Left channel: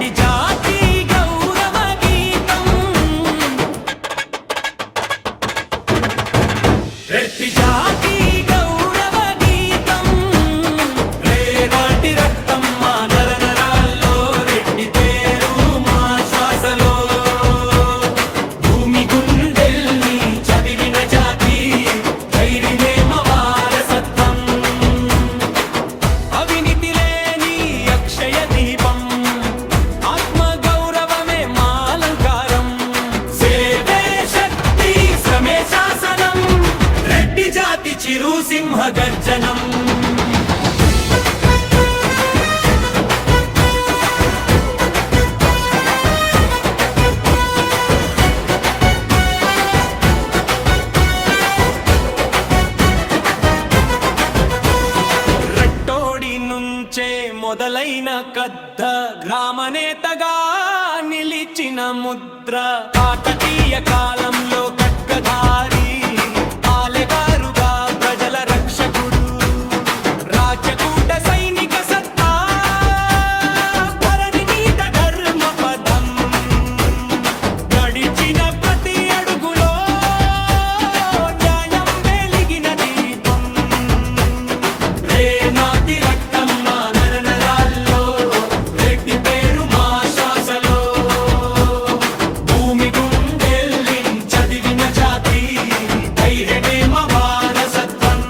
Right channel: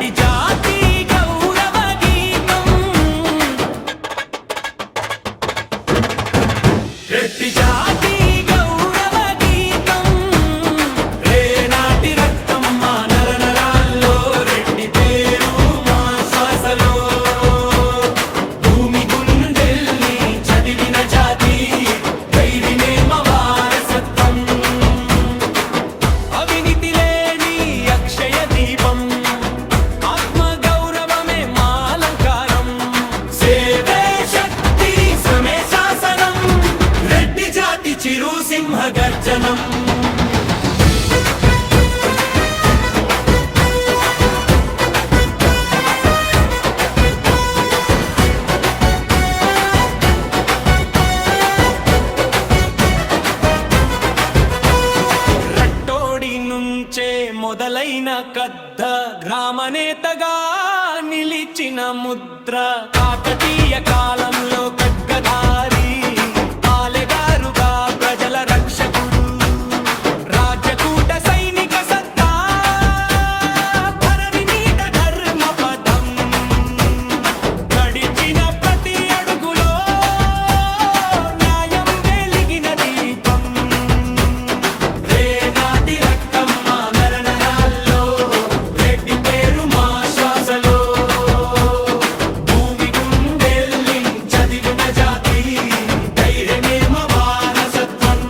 రెడ్డి జాతి గౌరవ గీతం రెడ్డి జాతి గౌరవ గీతం రేనాటి రక్తం మా నరనరాల్లో రెడ్డి పేరు మా శ్వాసలో భూమి గుండెల్ని చదివిన జాతి ధైర్యమే మా వారసత్వం అవినీతి లేని అక్షయ దీపం ఆత్మ గౌరవమే మా అలంకారం సేవే శక్తి శ్రమే శాసనం రెడ్డి జాతి చిరు సింహ గర్జనం రట్టోడి నుంచే మొదలైన కద్ద గ్రామనేతగా నిలిచిన ముద్ర కాకతీయ కాలంలో ఖడ్గధారి పాలెగారుగా ప్రజల రక్షకుడు రాజ్యకూట సైనిక సత్తా ధరణి మీద ధర్మ పదం నడిచిన ప్రతి అడుగులో న్యాయం వెలిగిన దీపం రేనాటి రక్తం మా నరనరాల్లో రెడ్డి పేరు మా శ్వాసలో భూమి గుండెల్ని చదివిన జాతి ధైర్యమే మా వారసత్వం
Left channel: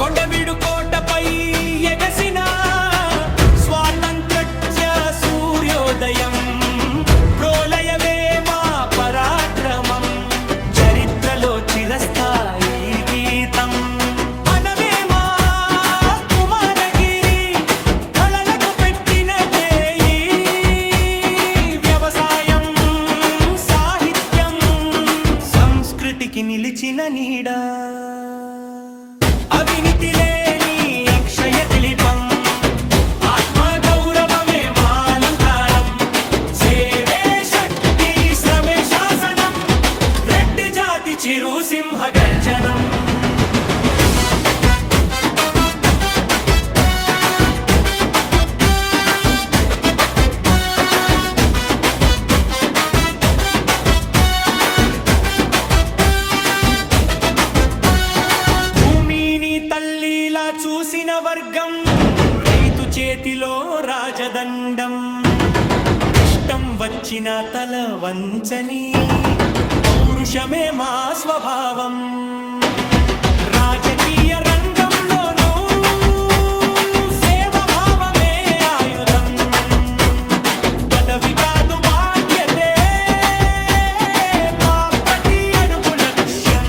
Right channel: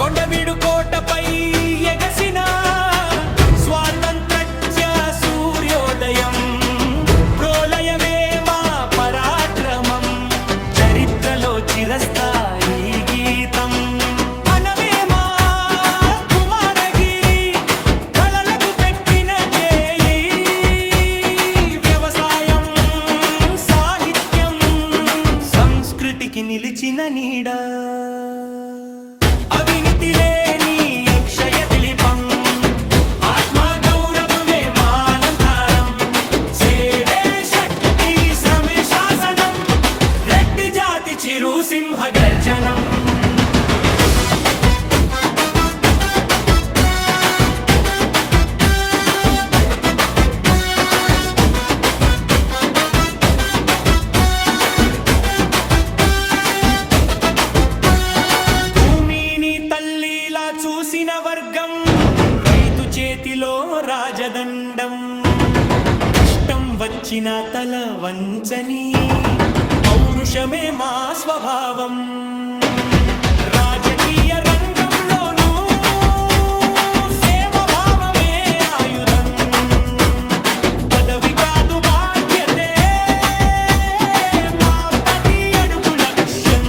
కొండవీడు కోటపై ఎగసిన స్వాతంత్ర్య సూర్యోదయం ప్రోలయవే మా పరాక్రమం చరిత్రలో చిరస్థాయి గీతం అనవే మా కుమారగిరి కళలకు పెట్టిన చేయి వ్యవసాయం సాహిత్యం సంస్కృతికి నిలిచిన నీడ అవినీతి లేని అక్షయ దిలీపం ఆత్మ గౌరవమే మా అలంకారం సేవే శక్తి శ్రమే శాసనం రెడ్డి జాతి చిరు సింహ గర్జనం భూమిని తల్లిలా చూసిన వర్గం రైతు చేతిలో రాజదండం కష్టం వచ్చిన తల వంచని పౌరుషమే మా స్వభావం రాజకీయ రంగంలోనూ సేవభావమే ఆయుధం పదవి కాదు బాధ్యతే మా ప్రతి అడుగు లక్ష్యం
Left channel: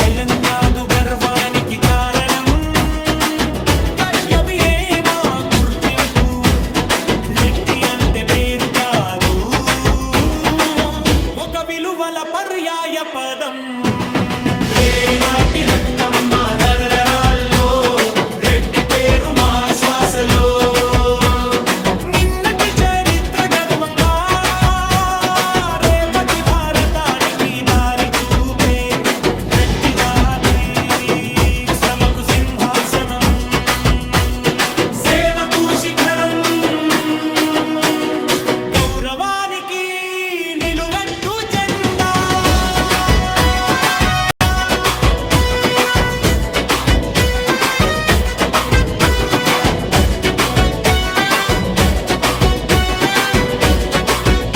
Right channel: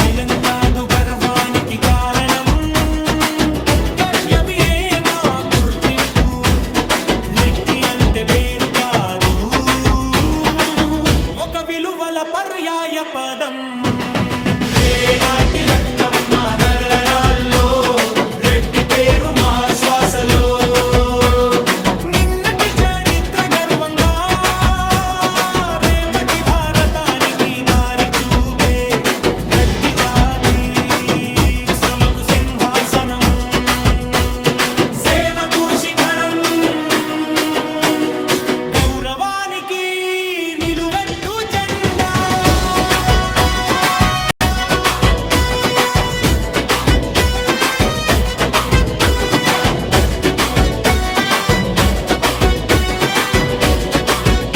చైలం కాదు గర్వానికి కారణం కర్తవ్యమే మా గుర్తింపు రెడ్డి అంటే పేరు కాదు ఒక విలువల పర్యాయ పదం